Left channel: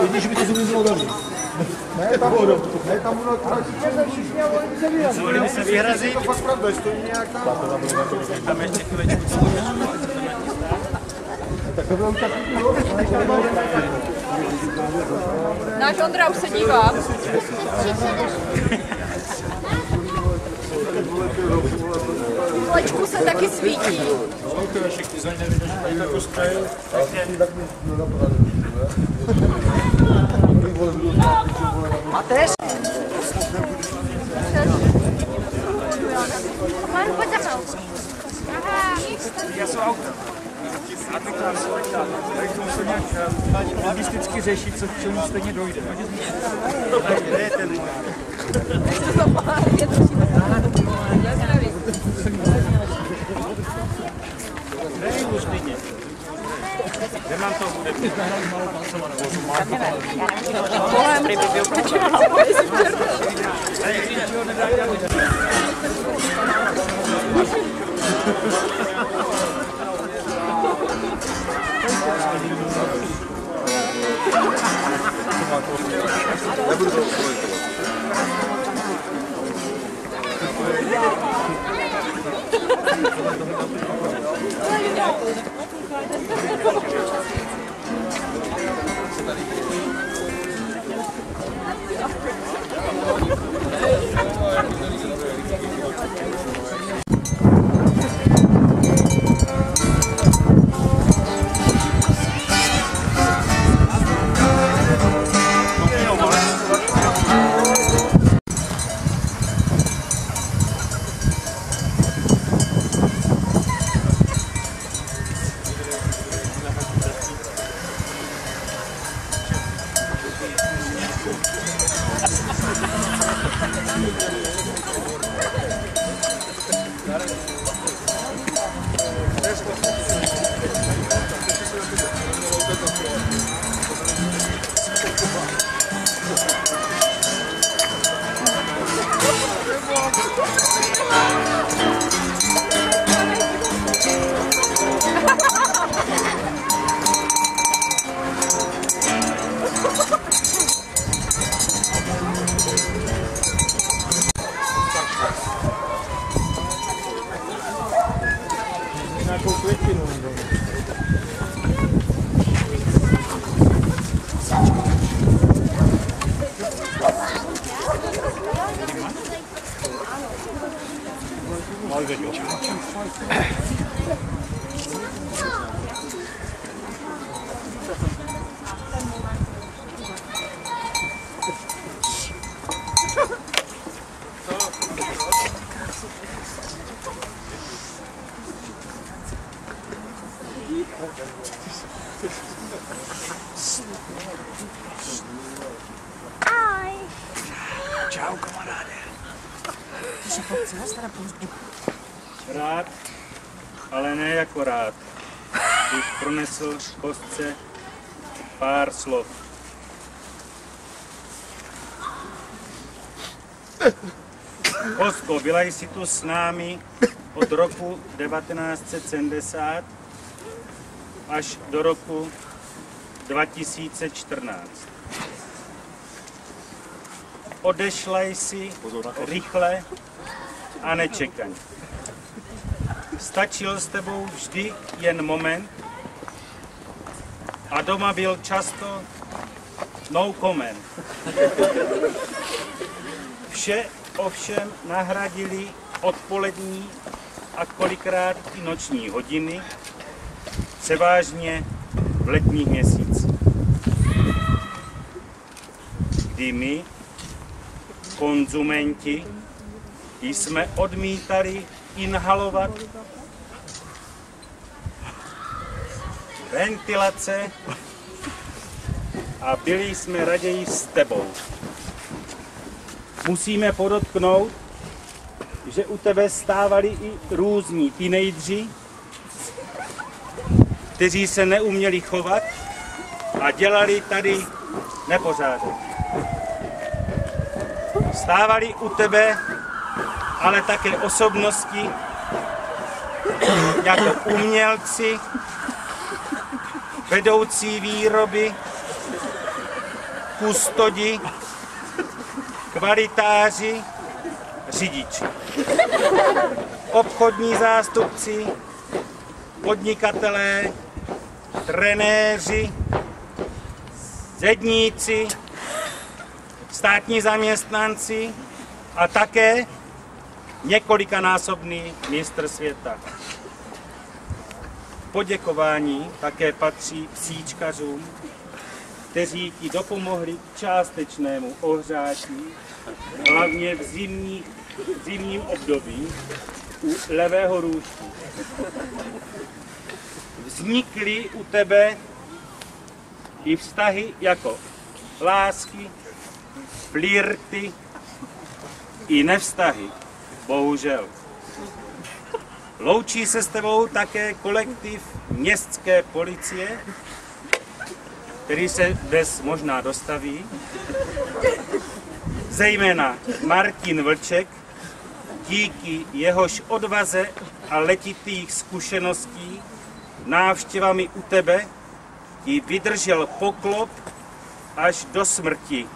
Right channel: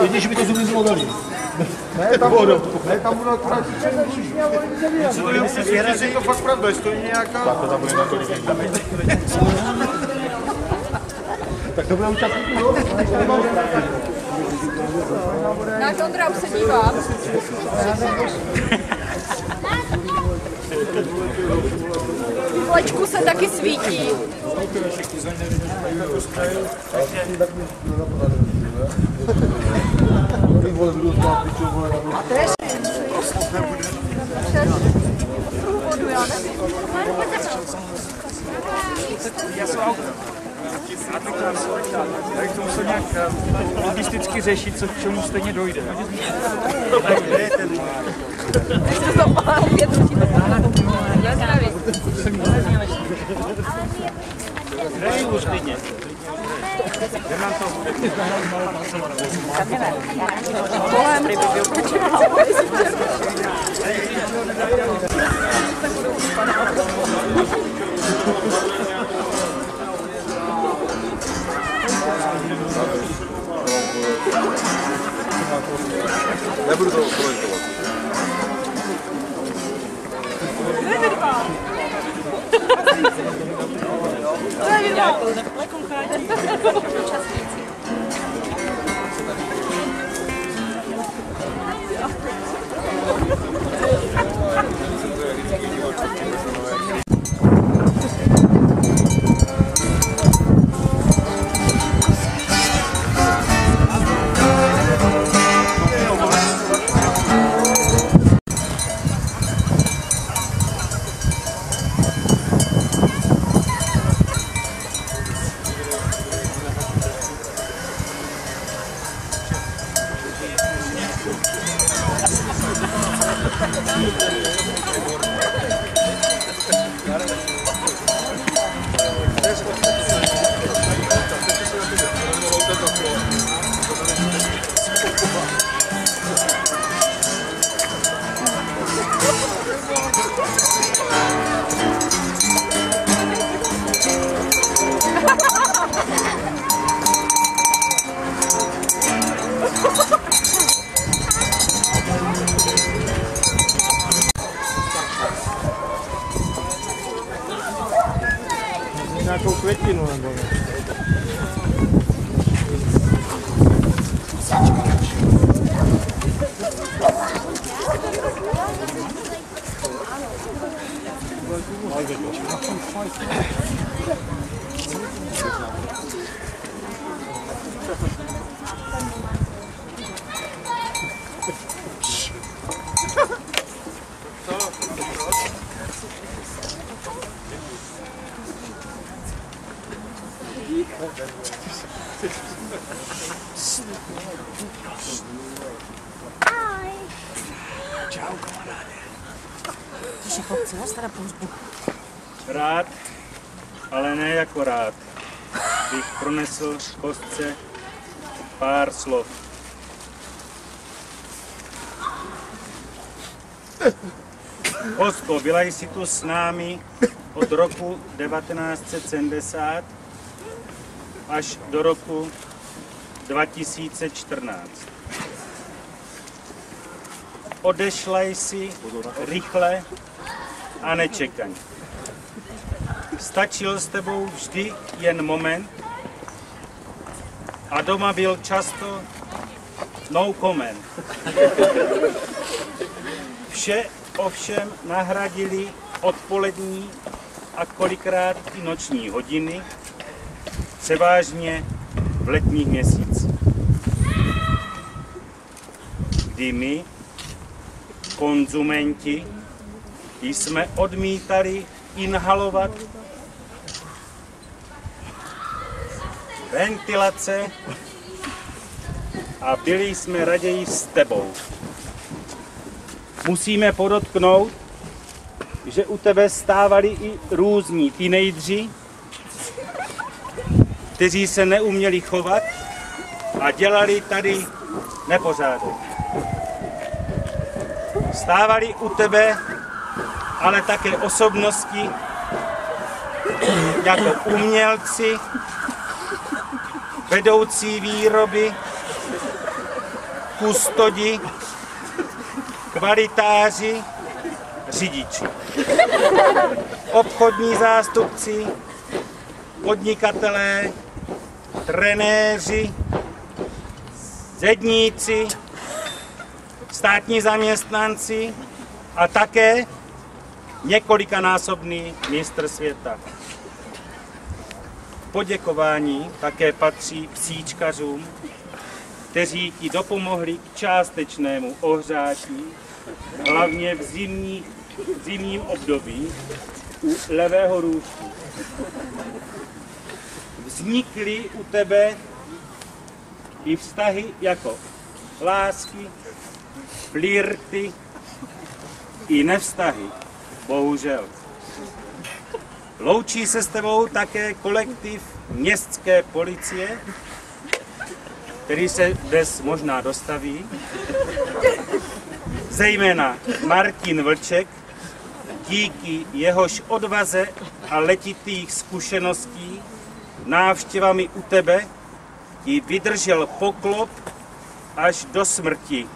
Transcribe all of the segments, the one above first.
Vidíš, že by to zumizlo dali. Ne, tam ono akorát si můžeme se vyhrazit. To fakt pravda, stojí nějaká... Tak to bude už takový, jo? Náš Ondra už se dívá. Kolečku se taky svítí. A tež? Já jsem auto. Tak to musel nějak logisticky řešit, co k čemu stejně dojde. Dej už klidně. Kde mám to bude? Nebudu to komentovat. Nějakou květinu nebo ne? Čau, kamaráde. Rád, ale ne jako rád, bych pronesl kostce pár slov. Kostko, byla jsi tu s námi od roku 1970 až do roku 2014. Odešla jsi rychle a nečekaně. Stačil s tebou vždy jen moment a doma byl často no comment. Vše ovšem nahradili odpolední a kolikrát i noční hodiny, převážně v letních měsících, kdy my, konzumenti, jsme odmítali inhalovat ventilace a byli jsme raději s tebou. Musíme podotknout, že u tebe stávali i různí teenageři, kteří se neuměli chovat a dělali tady nepořádek. Stávali u tebe ale také osobnosti jako umělci, vedoucí výroby, kustodi, kvalitáři, řidiči, obchodní zástupci, podnikatelé, trenéři, zedníci, státní zaměstnanci a také několikanásobný mistr světa. Poděkování také patří psíčkařům, kteří ti dopomohli k částečnému ohřátí, hlavně v zimním období u levého růžku. Vznikly u tebe i vztahy jako lásky, flirty i nevztahy, bohužel. Loučí se s tebou také kolektiv městské policie, který se dnes možná dostaví, zejména Martin Vlček, díky jehož odvaze a letitých zkušeností návštěvami u tebe ti vydržel poklop až do smrti,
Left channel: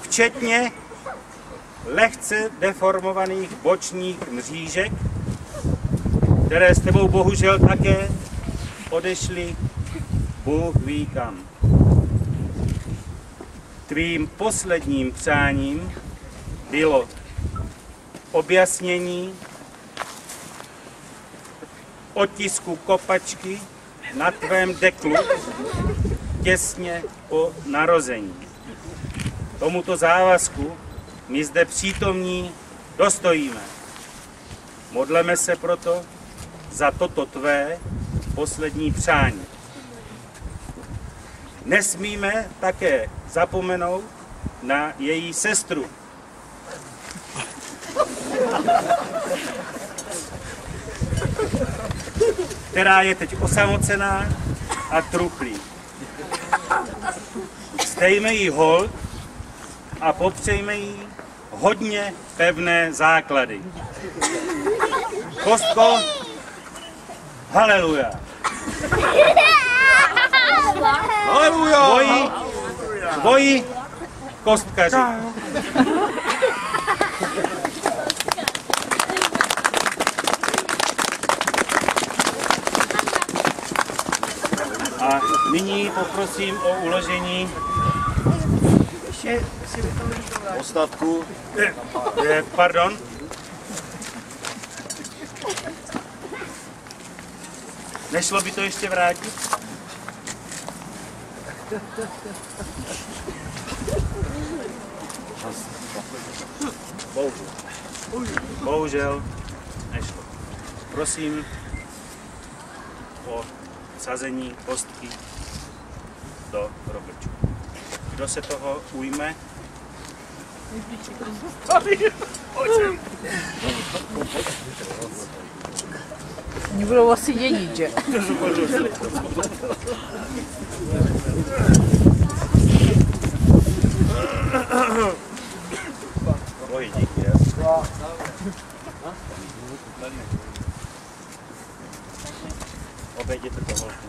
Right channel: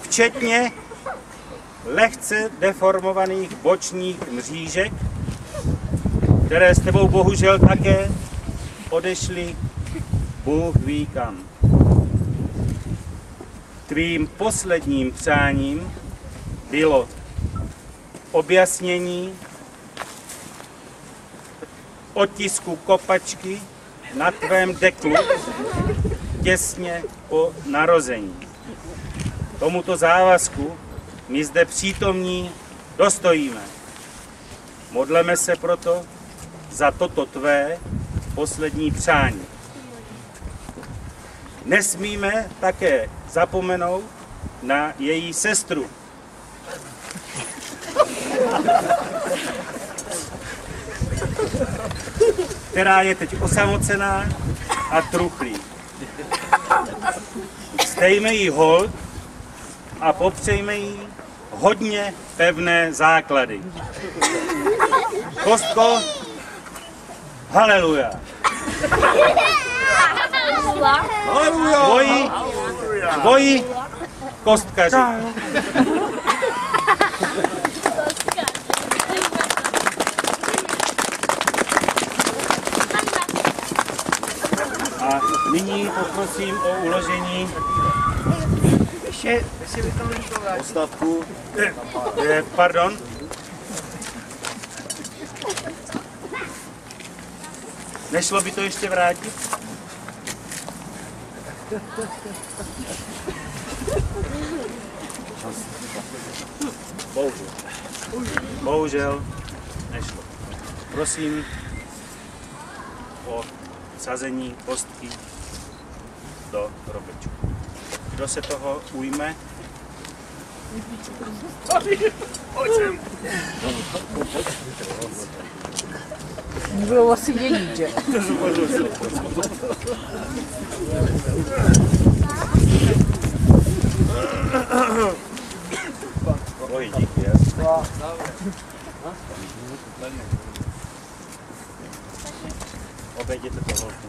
včetně lehce deformovaných bočních mřížek, které s tebou bohužel také odešly Bůh ví kam. Tvým posledním přáním bylo objasnění otisku kopačky na tvém deklu těsně po narození. Tomuto závazku my zde přítomní dostojíme. Modleme se proto za toto tvé poslední přání. Nesmíme také zapomenout na její sestru, která je teď osamocená a truchlí. Vzdejme jí hold a popřejme jí hodně pevné základy. Kostko, haleluja. Tvoji kostkaři. A nyní poprosím o uložení Ostatku. Pardon. Nešlo by to ještě vrátit? Bohužel nešlo. Prosím o sazení kostky do hrobečku. Kdo se toho ujme? Oni budou asi vědět, že? Oj, díky, jasně. Obejděte to holku.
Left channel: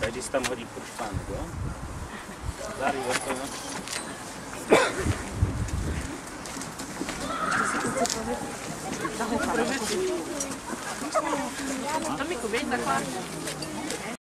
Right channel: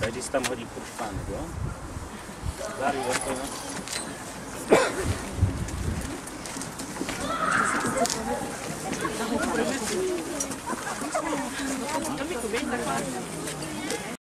Tady si tam hodí krušpánek, jo? Záry, vrtej, no. To mi to věď takhle.